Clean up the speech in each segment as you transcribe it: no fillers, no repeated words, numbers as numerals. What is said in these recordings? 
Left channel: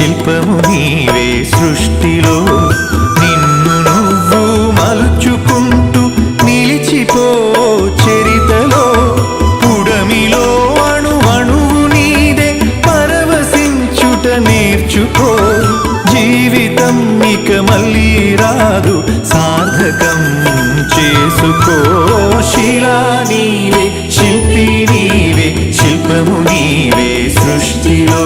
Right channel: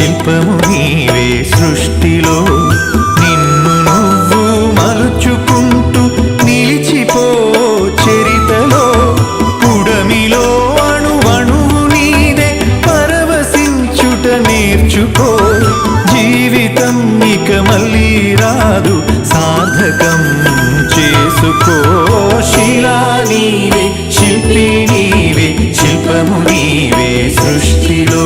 శిల్పము నీవే సృష్టిలో నిన్ను నువ్వు మలుచుకుంటూ నిలిచిపో చరితలో పుడమిలో అణువణువు నీదే పరవశించుట నేర్చుకో జీవితం ఇక మళ్ళీ రాదు సార్థకం చేసుకో శిలా నీవే శిల్పి నీవే శిల్పము నీవే సృష్టిలో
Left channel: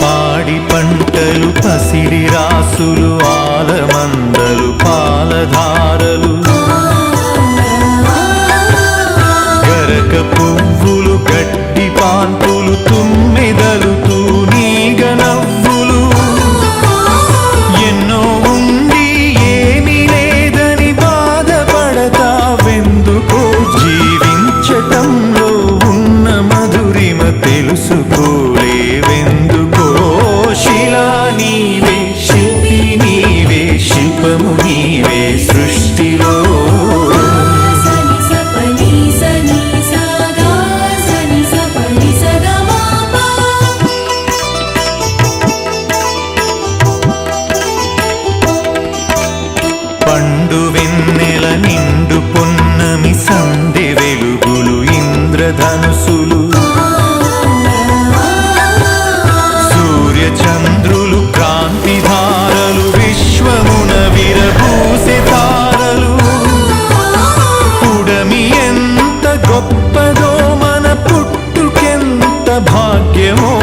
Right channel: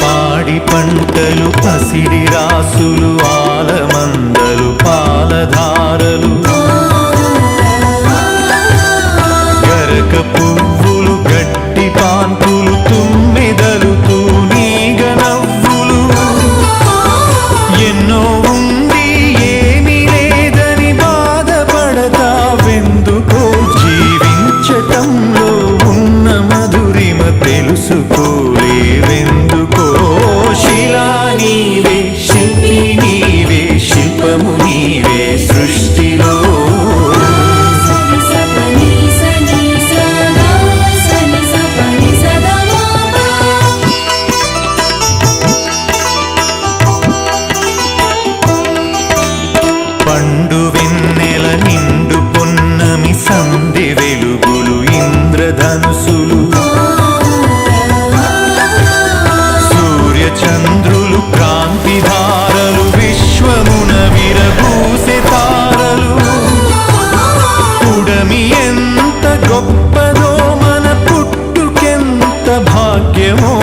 పాడి పంటలు పసిడి రాసులు ఆలమందలు పాలధారలు గరక పువ్వులు గడ్డి పాన్పులు తుమ్మెదలు తూనీగ నవ్వులు ఎన్నో ఉండి ఏమీ లేదని బాధపడతావెందుకో జీవించటంలో ఉన్న మధురిమ తెలుసుకోలేవెందుకో శిలా నీవే శిల్పి నీవే శిల్పము నీవే సృష్టిలో పండు వెన్నెల నిండు పొన్నమి సంధి వెలుగులు ఇంద్రధనుసులు సూర్యచంద్రులు క్రాంతిధారలు విశ్వమున విరబూసే తారలు పుడమి ఎంత గొప్పదో మన పుట్టుకెంత భాగ్యమో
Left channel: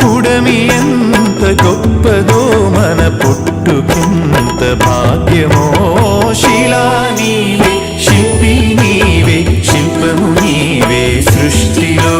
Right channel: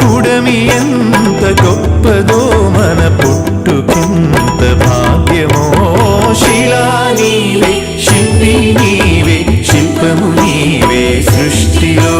పుడమి ఎంత గొప్పదో మన పుట్టుకెంత భాగ్యమో శిలా నీవే శిల్పి నీవే శిల్పము నీవే సృష్టిలో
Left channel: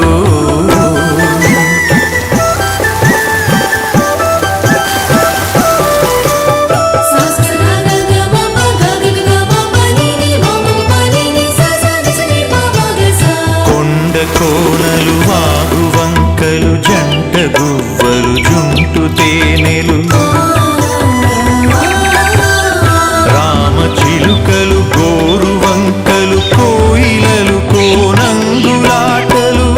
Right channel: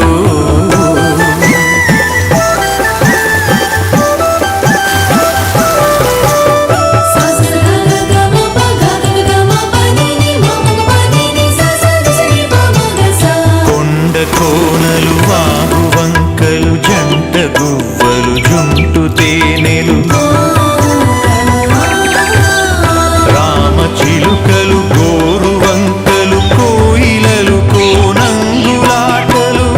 కోనలు వాగు వంకలు జంట గువ్వలు జుంటు తేనెలు రామ చిలుకలు గోరు వంకలు కోయిలలు కోనంగులాటలు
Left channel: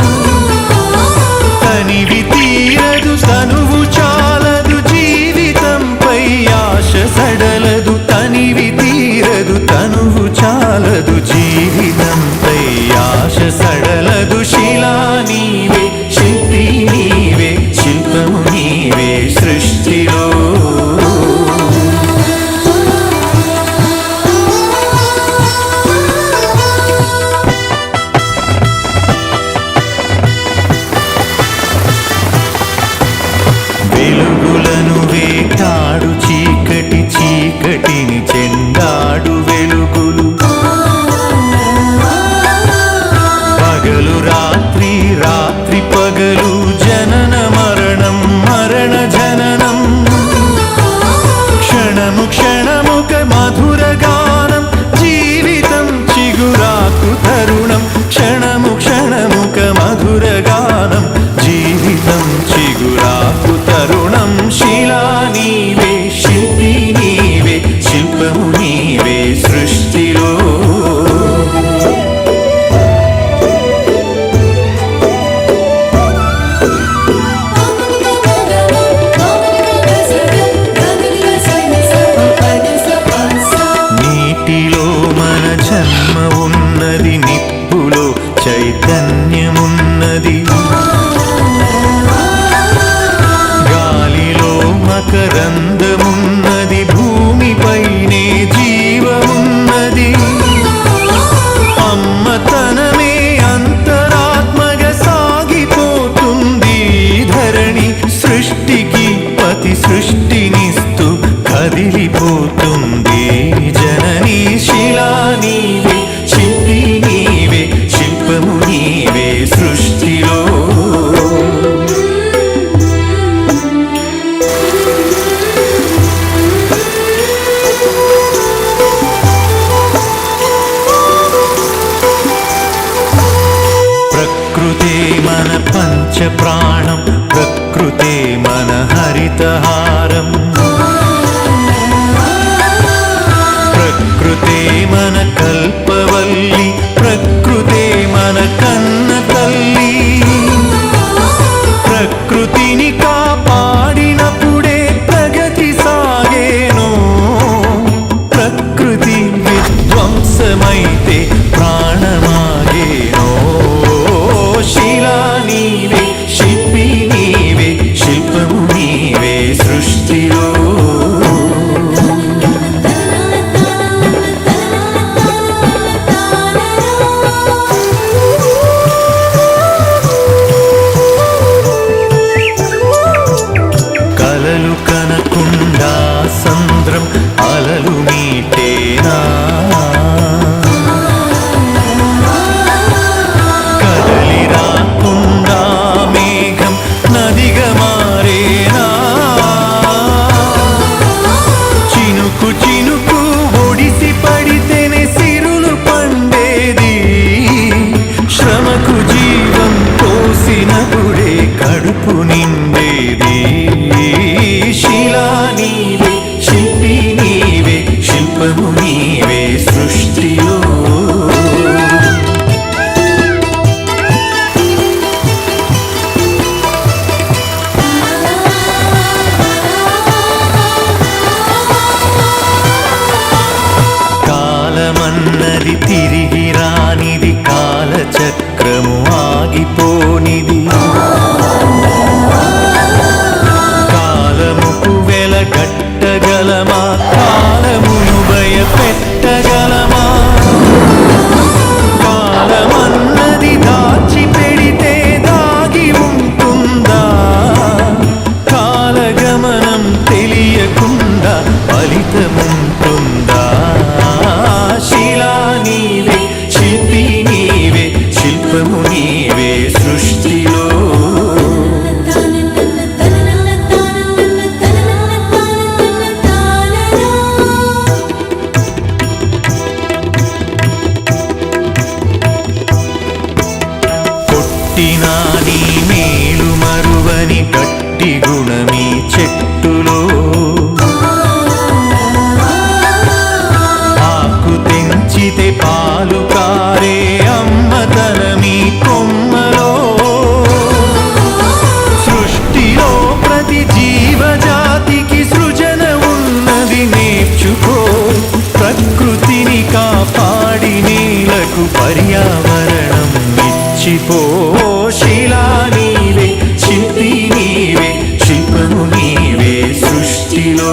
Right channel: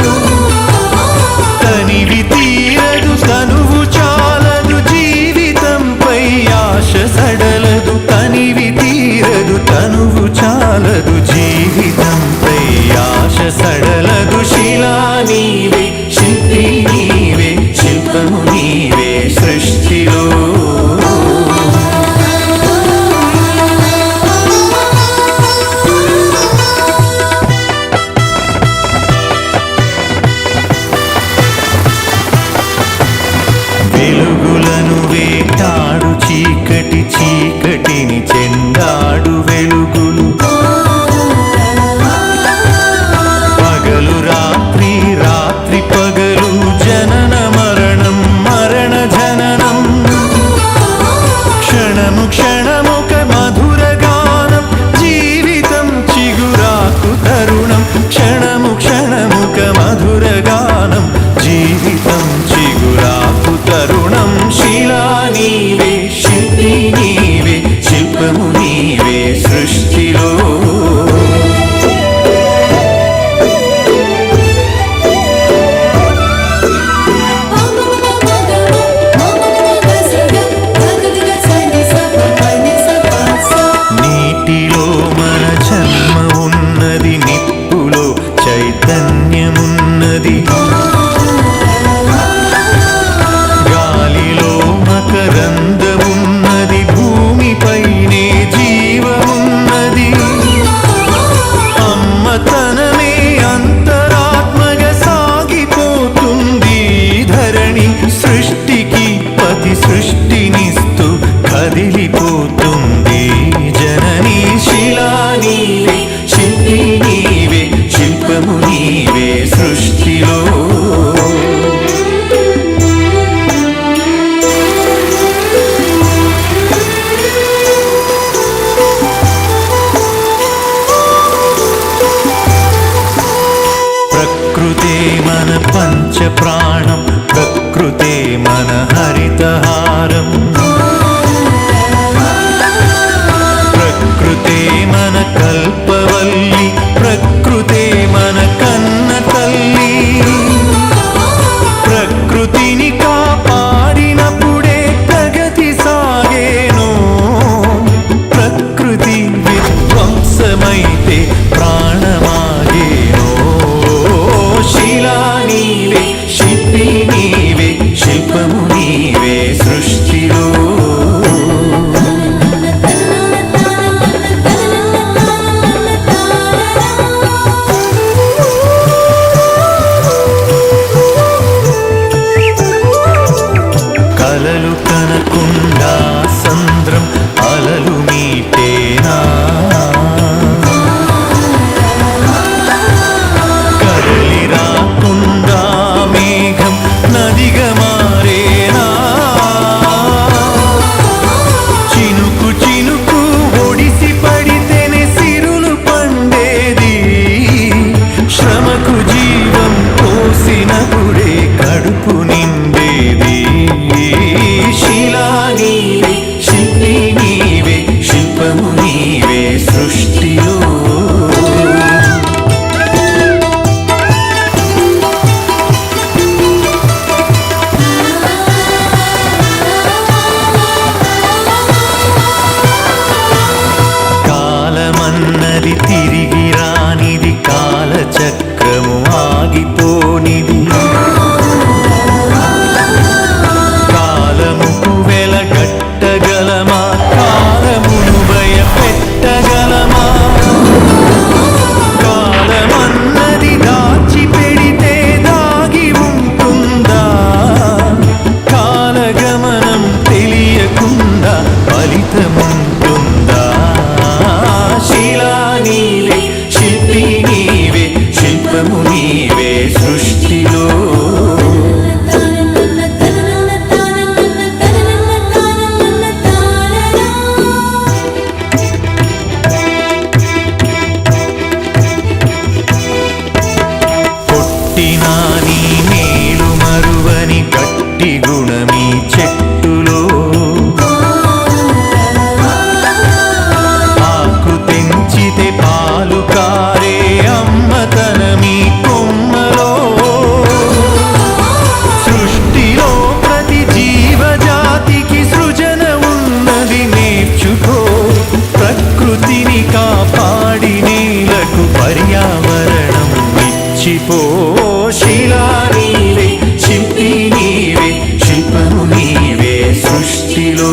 తనివి తీరదు తనువు చాలదు జీవితంపై ఆశ సడలదు తనివి తీరదు తనువు చాలదు జీవితంపై ఆశ సడలదు శిలా నీవే శిల్పి నీవే శిల్పము నీవే సృష్టిలో వెలుగులను వేటాడు చీకటి చీకటిని చెండాడు వెలుగులు పగలు రాత్రి రాత్రి పగలు జనన మరణం మరణ జననం క్షణము క్షణముక మధుర గానం జీవితం చిగురాకు తరుణం క్షణము క్షణముక మధుర గానం జీవితం చిగురాకు తరుణం శిలా నీవే శిల్పి నీవే శిల్పము నీవే సృష్టిలో నీటిలో మన జన్మ ఉన్నది నిప్పులో చైతన్యమున్నది గాలిలో మకరందమున్నది భూమిపైనే జీవమున్నది అమ్మతనమే అంతరాత్మగా సాగిపోతుంది ధరణి సృష్టికి పతి సృష్టినిస్తూ కదిలిపోతుంది జననీ శిలా నీవే శిల్పి నీవే శిల్పము నీవే సృష్టిలో ప్రకృతే మన పంచ ప్రాణం ప్రకృతే మన హరితహారం ప్రకృతే మన కల్పవల్లి, ప్రకృతే మన కన్న తల్లి. ప్రకృతిని కాపాడినప్పుడే ప్రగతి సాగేను. ప్రకృతి విధ్వంసమైతే ప్రాణమాగేనో. శిలా నీవే, శిల్పి నీవే, శిల్పము నీవే సృష్టిలో. కలలు కనకుండా సంద్రం అలలు మీటేనా. కదలి రాకుండా మేఘం నదిగా మారేనా. చినుకు చినుకు ఒడిసి పడితేనే సిరులు పండేది. శ్రమకు జీవం పోసినప్పుడే కడుపు నిండేది. శిలా నీవే, శిల్పి నీవే, శిల్పము నీవే సృష్టిలో. కాలమన్నది తిరిగి రానిది, కాలచక్రము ఆగిపోనిది. కాలముకు వెలగట్టగలమా, కాలమును భయపెట్టగలమా. కాలమన్నది దాచి పెడితే దాగి ఉంటుందా. కాలగమనం తెలియకుండా ఫలితముంటుందా. శిలా నీవే, శిల్పి నీవే, శిల్పము నీవే సృష్టిలో. కొట్టినా నీ మేలు మరువని గట్టి గుణమీ చెట్టులో. ఆకు తెంచితే పాలు కారే అమ్మతనమీ కొమ్మలో. సృష్టిలో ప్రతి జీవజాతికి సృజన ఉన్నది, నేర్చుకో. ప్రకృతిని కాపాడి నేలకు పర్యావరణం ఇచ్చిపో. శిలా నీవే, శిల్పి నీవే, శిల్పము నీవే సృష్టిలో.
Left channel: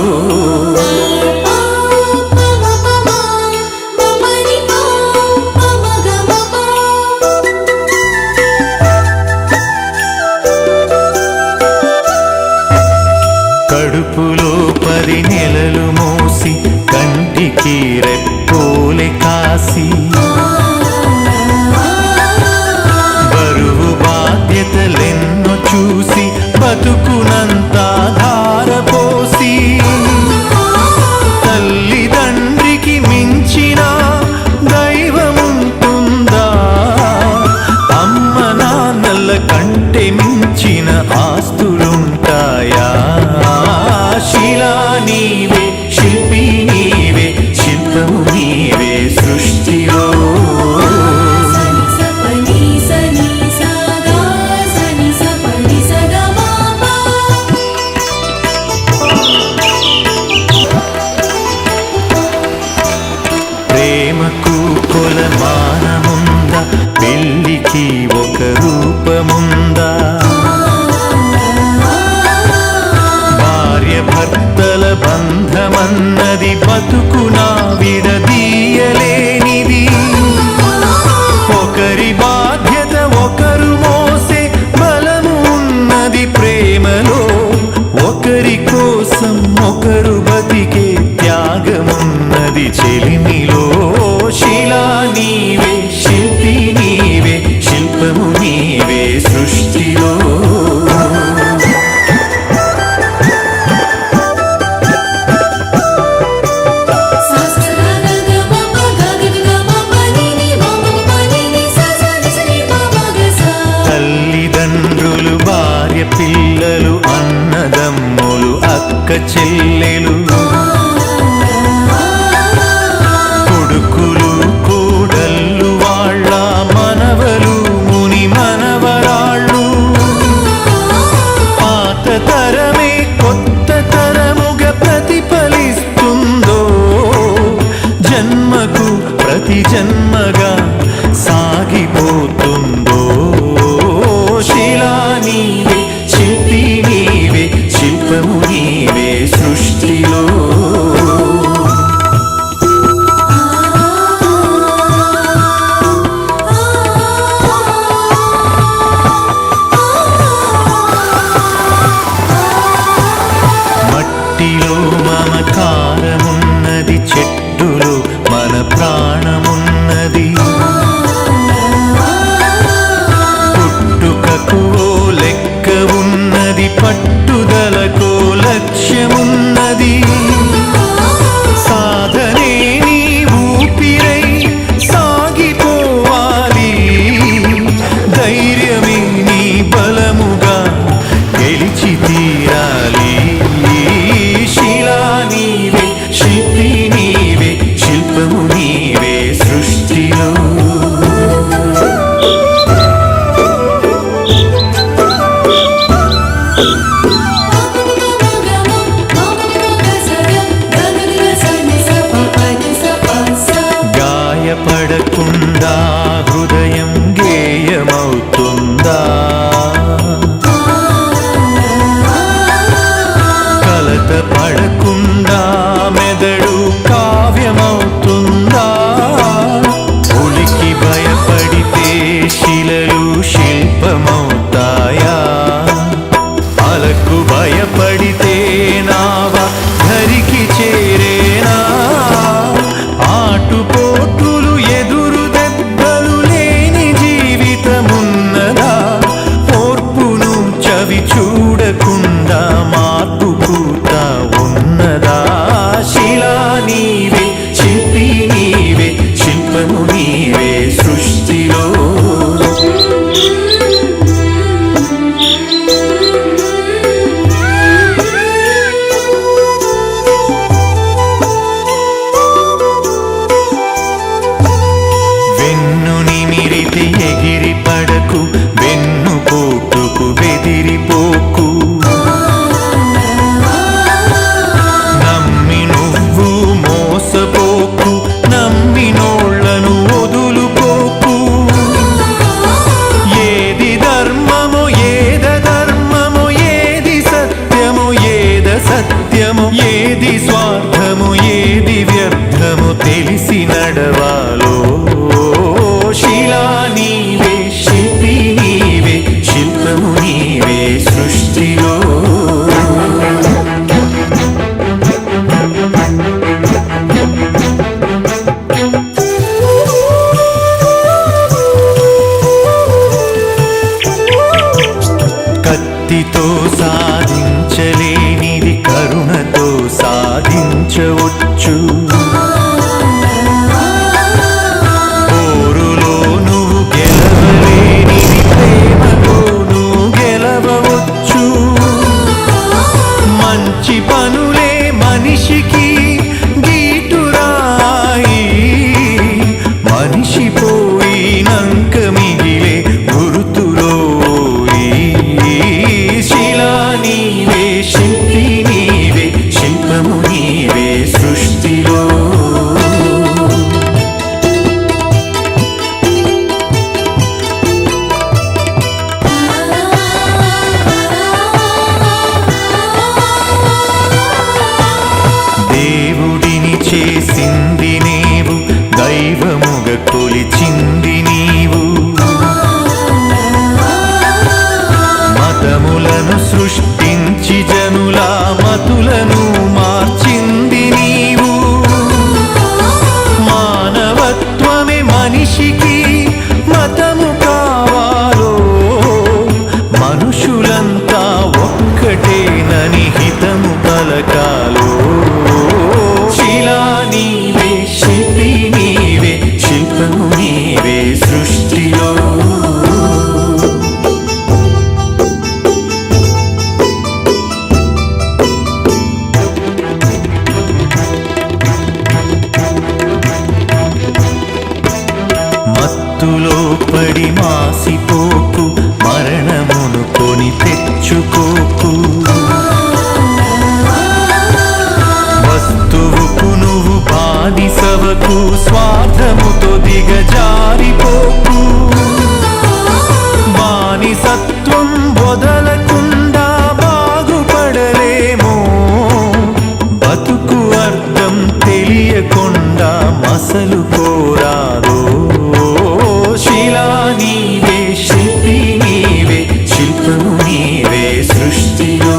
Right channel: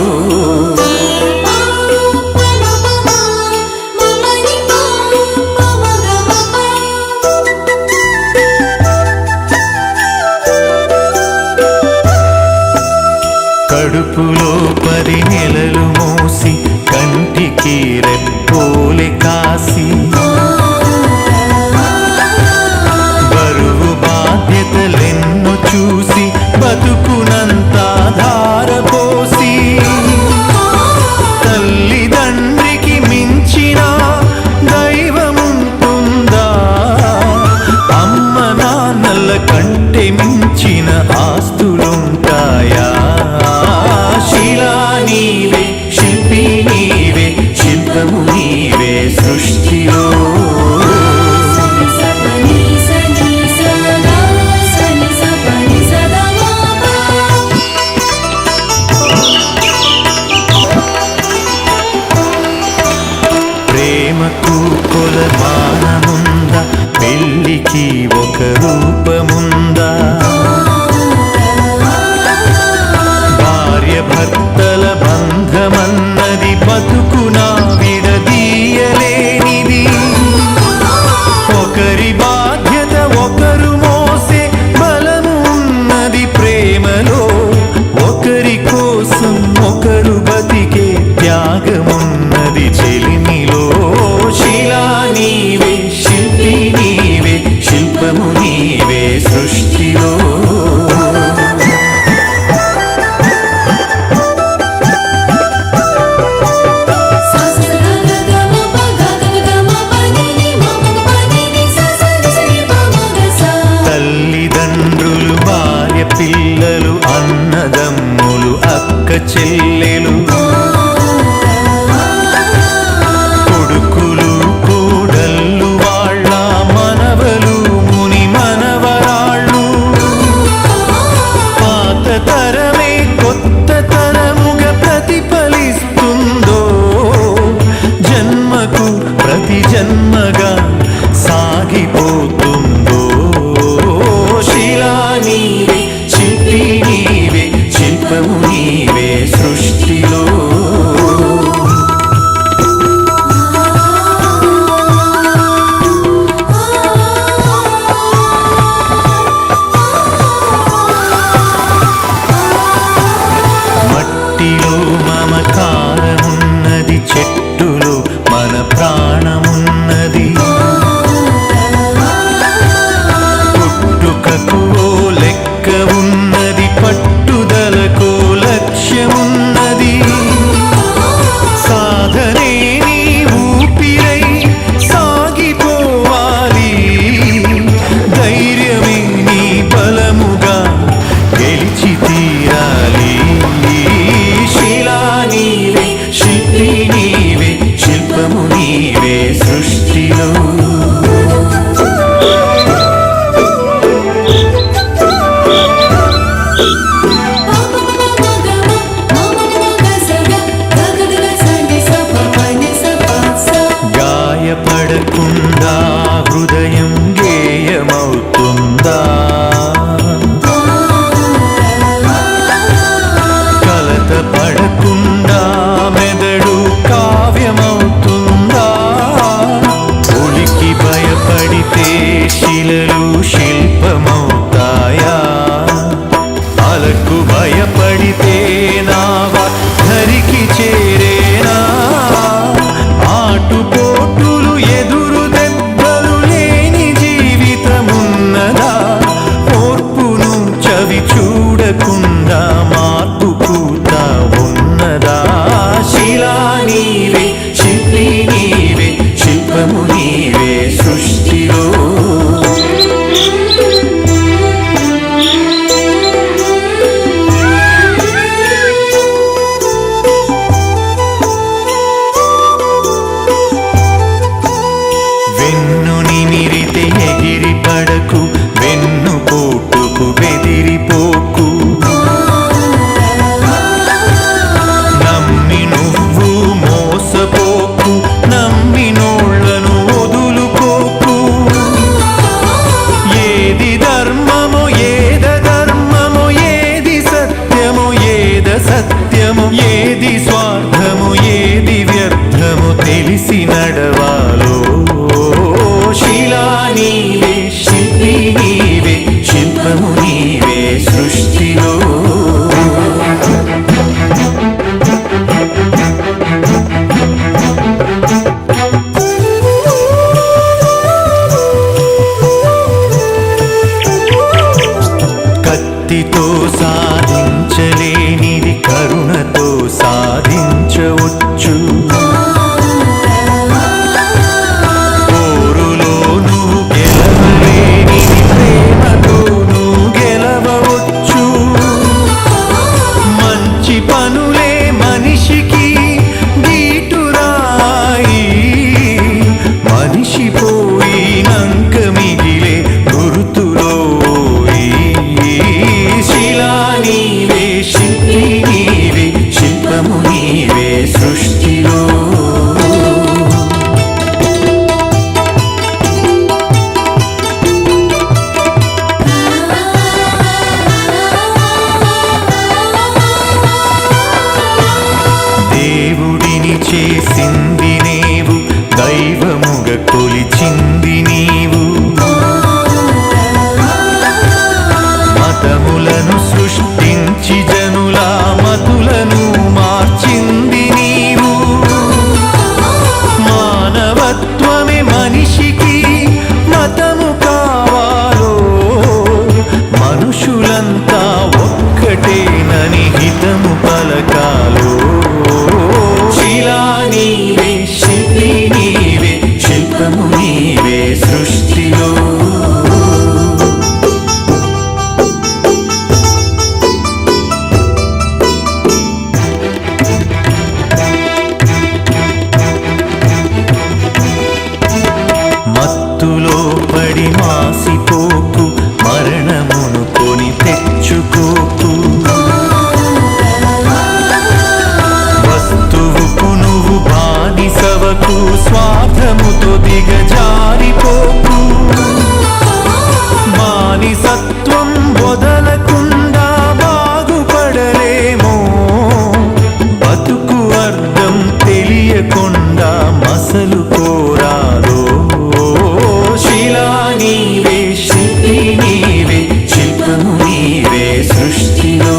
కడుపులో 10 నెలలు మోసి కంటికి రెప్పోలే కాసి. బరువు బాధ్యతలెన్నో చూసి బతుకునంతా ధారపోసి. తల్లిదండ్రికి మించిన దైవముంటుందా. అమ్మ నాన్నల కంటే మించిన ఆస్తులుంటాయా. శిలా నీవే, శిల్పి నీవే, శిల్పము నీవే సృష్టిలో. ప్రేమకు కొలమానముందా, పెళ్ళికి ఒక రూపముందా. భార్య భర్తల బంధమన్నది బతుకునా విడదీయలేనిది. ఒకరి బాధ్యత ఒకరు మోసే బలము ఉన్నది ప్రేమలో. ఒకరి కోసం ఒకరు బతికే త్యాగమున్నది చెలిమిలో. శిలా నీవే, శిల్పి నీవే, శిల్పము నీవే సృష్టిలో. తల్లిదండ్రులు, భార్య పిల్లలు, అన్నదమ్ములు, అక్క చెల్లెలు. కొడుకులు కోడళ్ళు వాళ్ళ మనవలు ముని మనవరాళ్ళు పాత తరమే కొత్త తరముగా ప్రతిఫలిస్తుందో జన్మకు ప్రతి జన్మగా సాగిపోతుందో శిలా నీవే శిల్పి నీవే శిల్పము నీవే సృష్టిలో మట్టిలో మమకారమున్నది చెట్టులో మన ప్రాణమున్నది పుట్టుకకు ఓ లెక్క ఉన్నది పట్టుదలకో లక్ష్యమున్నది సాధనే నీ ఊపిరై సాగిపోవాలి ధైర్యమే నీ బలముగా గెలిచి తీరాలి శిలా నీవే శిల్పి నీవే శిల్పము నీవే సృష్టిలో గాయపడకుండా హృదయం గేయమవుతుందా కలత పడకుండా మెదడు కావ్యమవుతుందా ఉలికి భయపడితే శిలలు శిల్పమవుతాయా అలకు భయపడితే నావ ధరికి చేరేనా ఆటుపోటులు ఎదురు దెబ్బలు లేని జీవితమున్నదా ఓర్పును చవి చూడకుండా మార్పు పూత ఉన్నదా శిలా నీవే శిల్పి నీవే శిల్పము నీవే సృష్టిలో వెన్ను నిమిరితే ఎగిరి పడకు వెన్ను పోటుకు బెదిరిపోకు నమ్మి నువ్వు మోసపోకు నమ్మినోళ్లను వదులుకోకు ఏది ధర్మమో ఏద ధర్మమో ఏది సత్యమో ఏద సత్యమో ఏది స్వార్థమో ఏది వ్యర్థమో తెలిసి నడవాలో శిలా నీవే శిల్పి నీవే శిల్పము నీవే సృష్టిలో కత్తితో సాధించలేనిది కరుణతో సాధించవచ్చు పోరులో నువ్వు గెలవలేనిది ప్రేమతో నువ్వు గెలవవచ్చు మంచి పనులే మనిషికి గీటురాయి మనిషి పోయినంక మిగిలే గుర్తులో శిలా నీవే శిల్పి నీవే శిల్పము నీవే సృష్టిలో దేవుడిని చేసింది నీవు దైవముగా కొలిచింది నీవు మతములను సృష్టించి జనుల మతులను మార్చింది నీవు మానవత్వమే మనిషికి మతము కావాలో మనుషులంతా ఒక్కటేనని హితము పలకాలో శిలా నీవే శిల్పి నీవే శిల్పము నీవే సృష్టిలో మత్తులో పడి మాసిపోకు, మరణమును కొని తెచ్చుకోకు. వస్తువుకు నువ్వు బానిసవకు, స్వార్థముతో దిగజారిపోకు. బానిసత్వం వదలకుండా బాగుపడలేమో, బతుకు అర్థం తెలియకుండా మసలు కోరాదో. శిలా నీవే, శిల్పి నీవే, శిల్పము నీవే సృష్టిలో.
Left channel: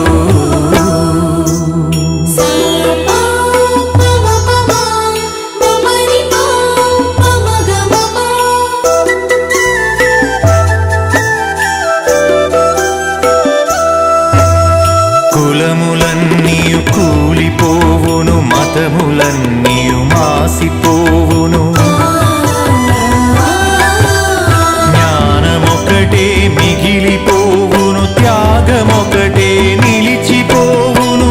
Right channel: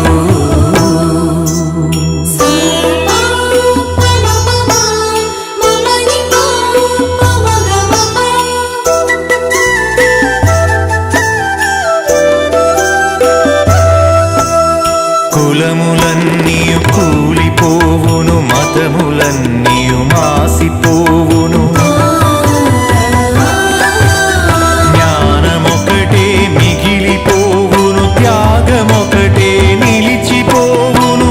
కులములన్నీయు కూలిపోవును, మతములన్నీయు మాసిపోవును. జ్ఞానమొకటే మిగిలిపోవును, త్యాగమొకటే నిలిచిపోవును.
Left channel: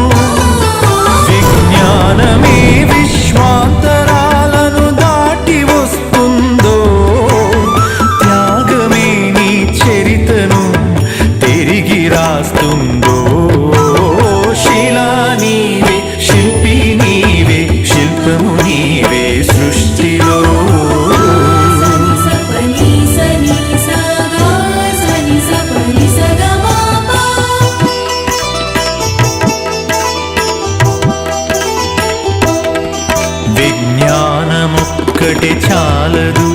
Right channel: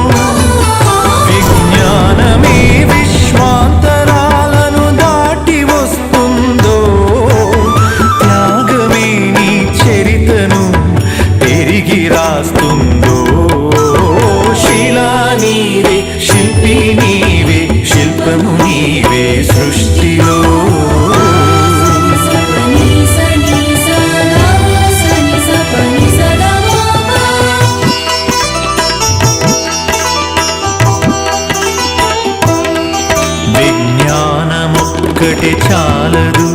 విజ్ఞానమే విశ్వాంతరాలను దాటి వస్తుందో, త్యాగమే నీ చరితను తిరిగి రాస్తుందో. శిలా నీవే, శిల్పి నీవే, శిల్పము నీవే సృష్టిలో. విజ్ఞానమొక్కటే చాలదు,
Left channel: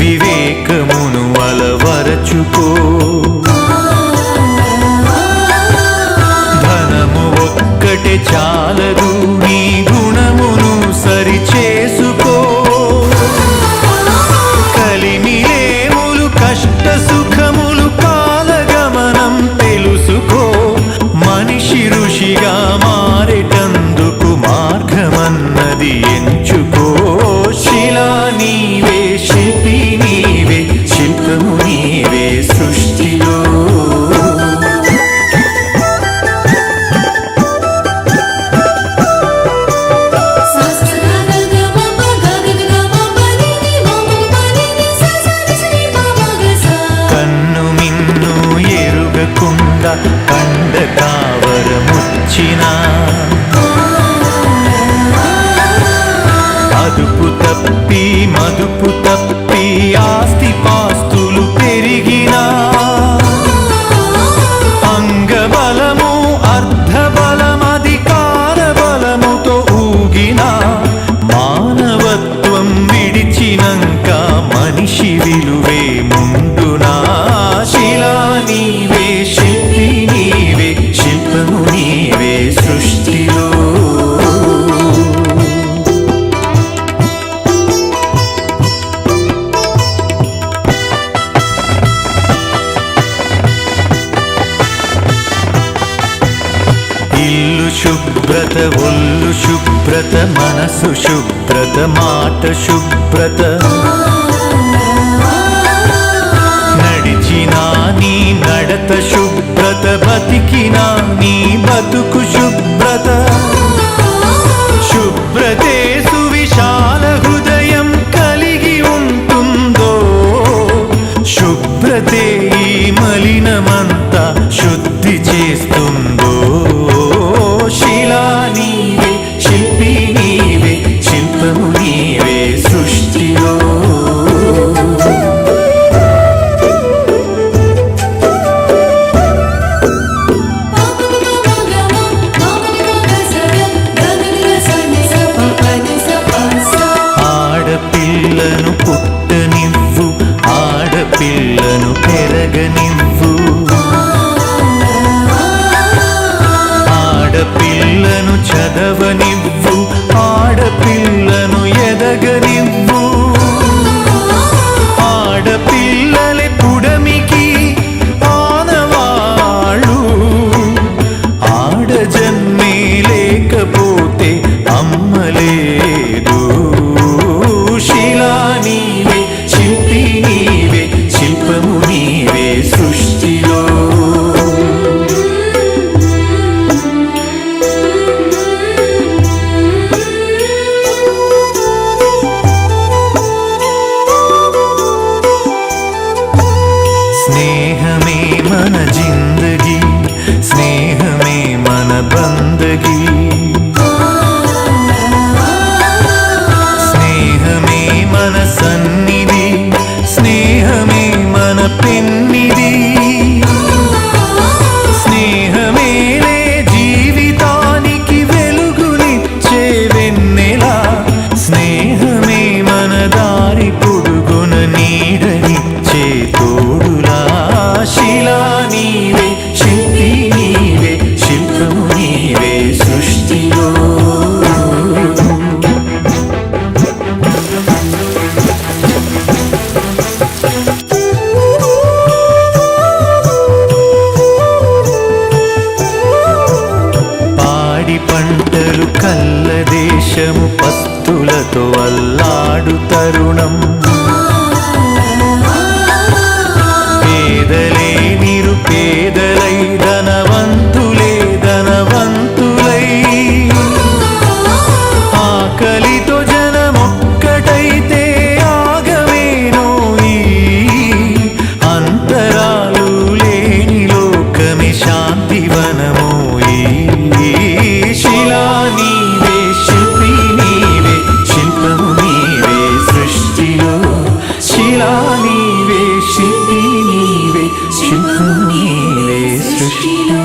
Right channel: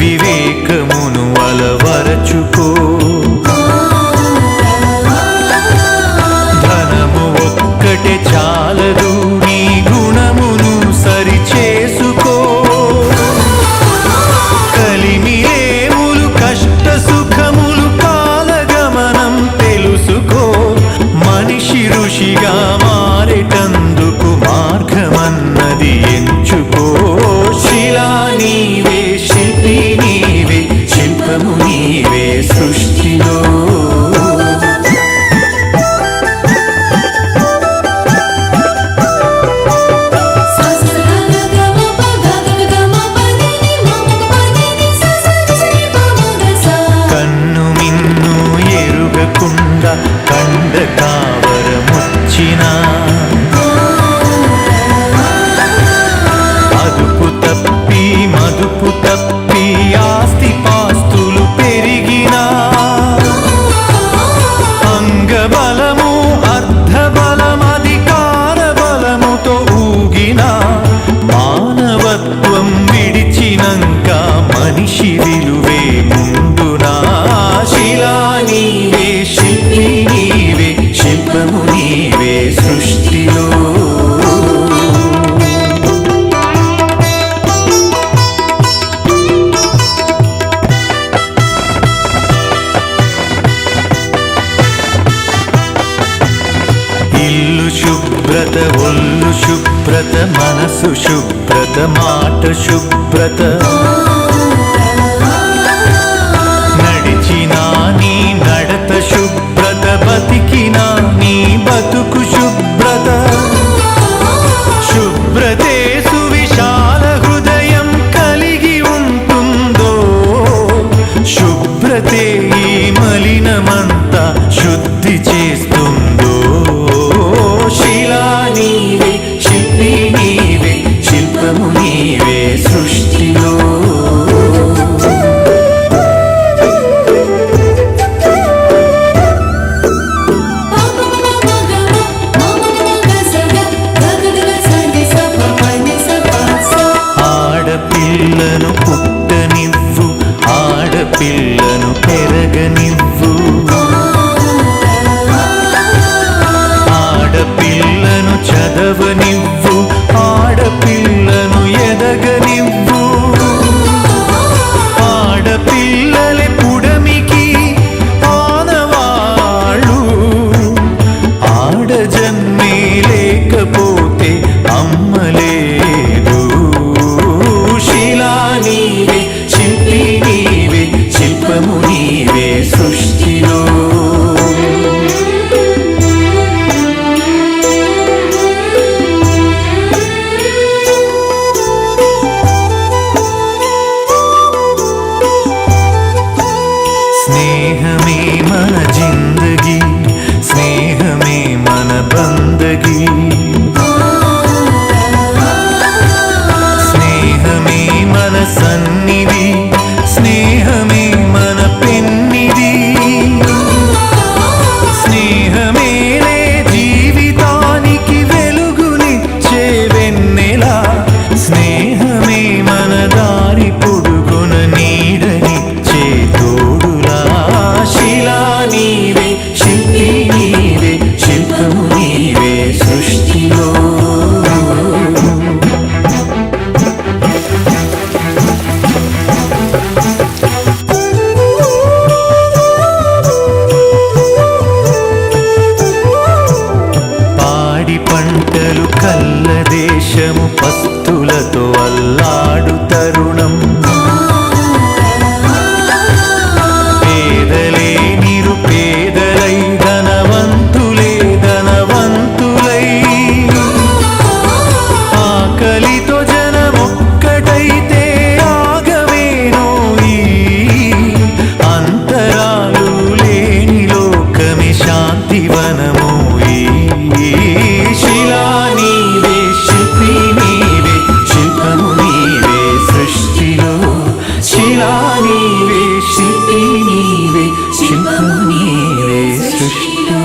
వివేకమును అలవరచుకో. ధనము ఒక్కటే చాలదు, నీ గుణమును సరిచేసుకో. కలిమిలేములు కష్ట సుఖములు కాలగమనం తెలుసుకో. మనిషి ఋషిగా మారేటందుకు మార్గమన్నది ఎంచుకో. శిలా నీవే, శిల్పి నీవే, శిల్పము నీవే సృష్టిలో. కన్ను మిన్ను ఎరుగకుండా కండ కావరముచ్చినా, అదుపు తప్పి మదుపు తప్పి ఆస్తి పాస్తులు పెరిగినా, అంగబలము అర్ధబలం అధికార బలముతో ఊగినా, మానవత్వం విడిచినంక మనిషి విలువే ముందునా. శిలా నీవే, శిల్పి నీవే, శిల్పము నీవే సృష్టిలో. ఇల్లు శుభ్రత, ఒళ్ళు శుభ్రత, మనసు శుభ్రత, మాట శుభ్రత. నడిచినా నీ నడత శుభ్రత, బతికినా నీ బతుకు శుభ్రత. శుభ్రతే సువిశాల హృదయం కలిగి ఉంటుందో, శుభ్రతే ఈ మలినమంతా శుద్ధి చేస్తుందో. శిలా నీవే, శిల్పి నీవే, శిల్పము నీవే సృష్టిలో. ఆడపిల్లను పుట్టనివ్వు, ఆడపిల్లను పెరగనివ్వు. ఆడపిల్లను చదవనివ్వు, ఆడపిల్లను ఎదగనివ్వు. ఆడపిల్లలే పుడమికి ఆనవాళ్ళు, ఆడజన్మే లేకపోతే అమ్మలేదు. శిలా నీవే, శిల్పి నీవే, శిల్పము నీవే సృష్టిలో. స్నేహమే మన జిందగీ, స్నేహమే మన బందగీ, స్నేహమే మన సన్నిధి, స్నేహమే మన పెన్నిధి, స్నేహమేలే జీవితానికి వెలుగునిచ్చే వెన్నెలా, స్నేహమే మన దారి పొడుగున నీడనిచ్చే తోడులా. శిలా నీవే, శిల్పి నీవే, శిల్పము నీవే సృష్టిలో. పాడి పంటలు కల్ల దేశము పస్తులతో అల్లాడు తరుణం, పేదలే నిరుపేదలై ధనవంతులే ధనవంతులై, ఆకలితో జనమొక్కటైతే ఆగమేనోయి, అంతరాలు లేని లోకమే శాంతివనమోయి. శిలా నీవే, శిల్పి నీవే, శిల్పము నీవే సృష్టిలో. శిలా నీవే, శిల్పి నీవే, శిల్పము నీవే సృష్టిలో.